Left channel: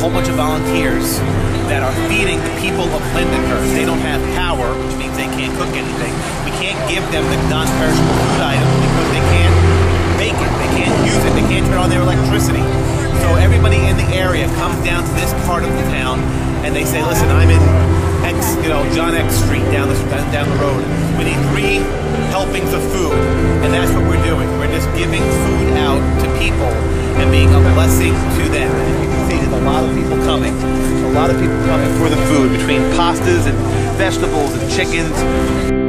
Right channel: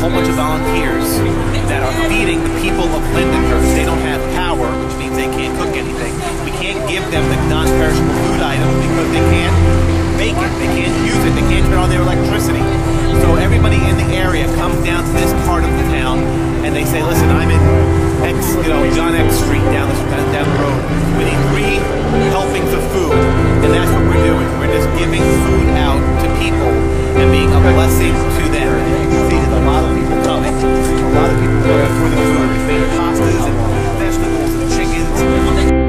whole bunch of volunteers that are feeding the people of Lindenhurst. They don't have power, which means they can't cook anything. We can't give them the non-perishable food items because they can't make it, they can't use it, they can't turn on their electricity. So everybody in the area comes down to this part of the town and they say, listen, I'm in X, John X Street down the road. We need 3 helpings of food, and that's what we're doing. We're just giving food out to people and being a blessing to them. And you can see there's a lot of people coming. A lot of people coming for the food, between pastas and vegetables and chickens.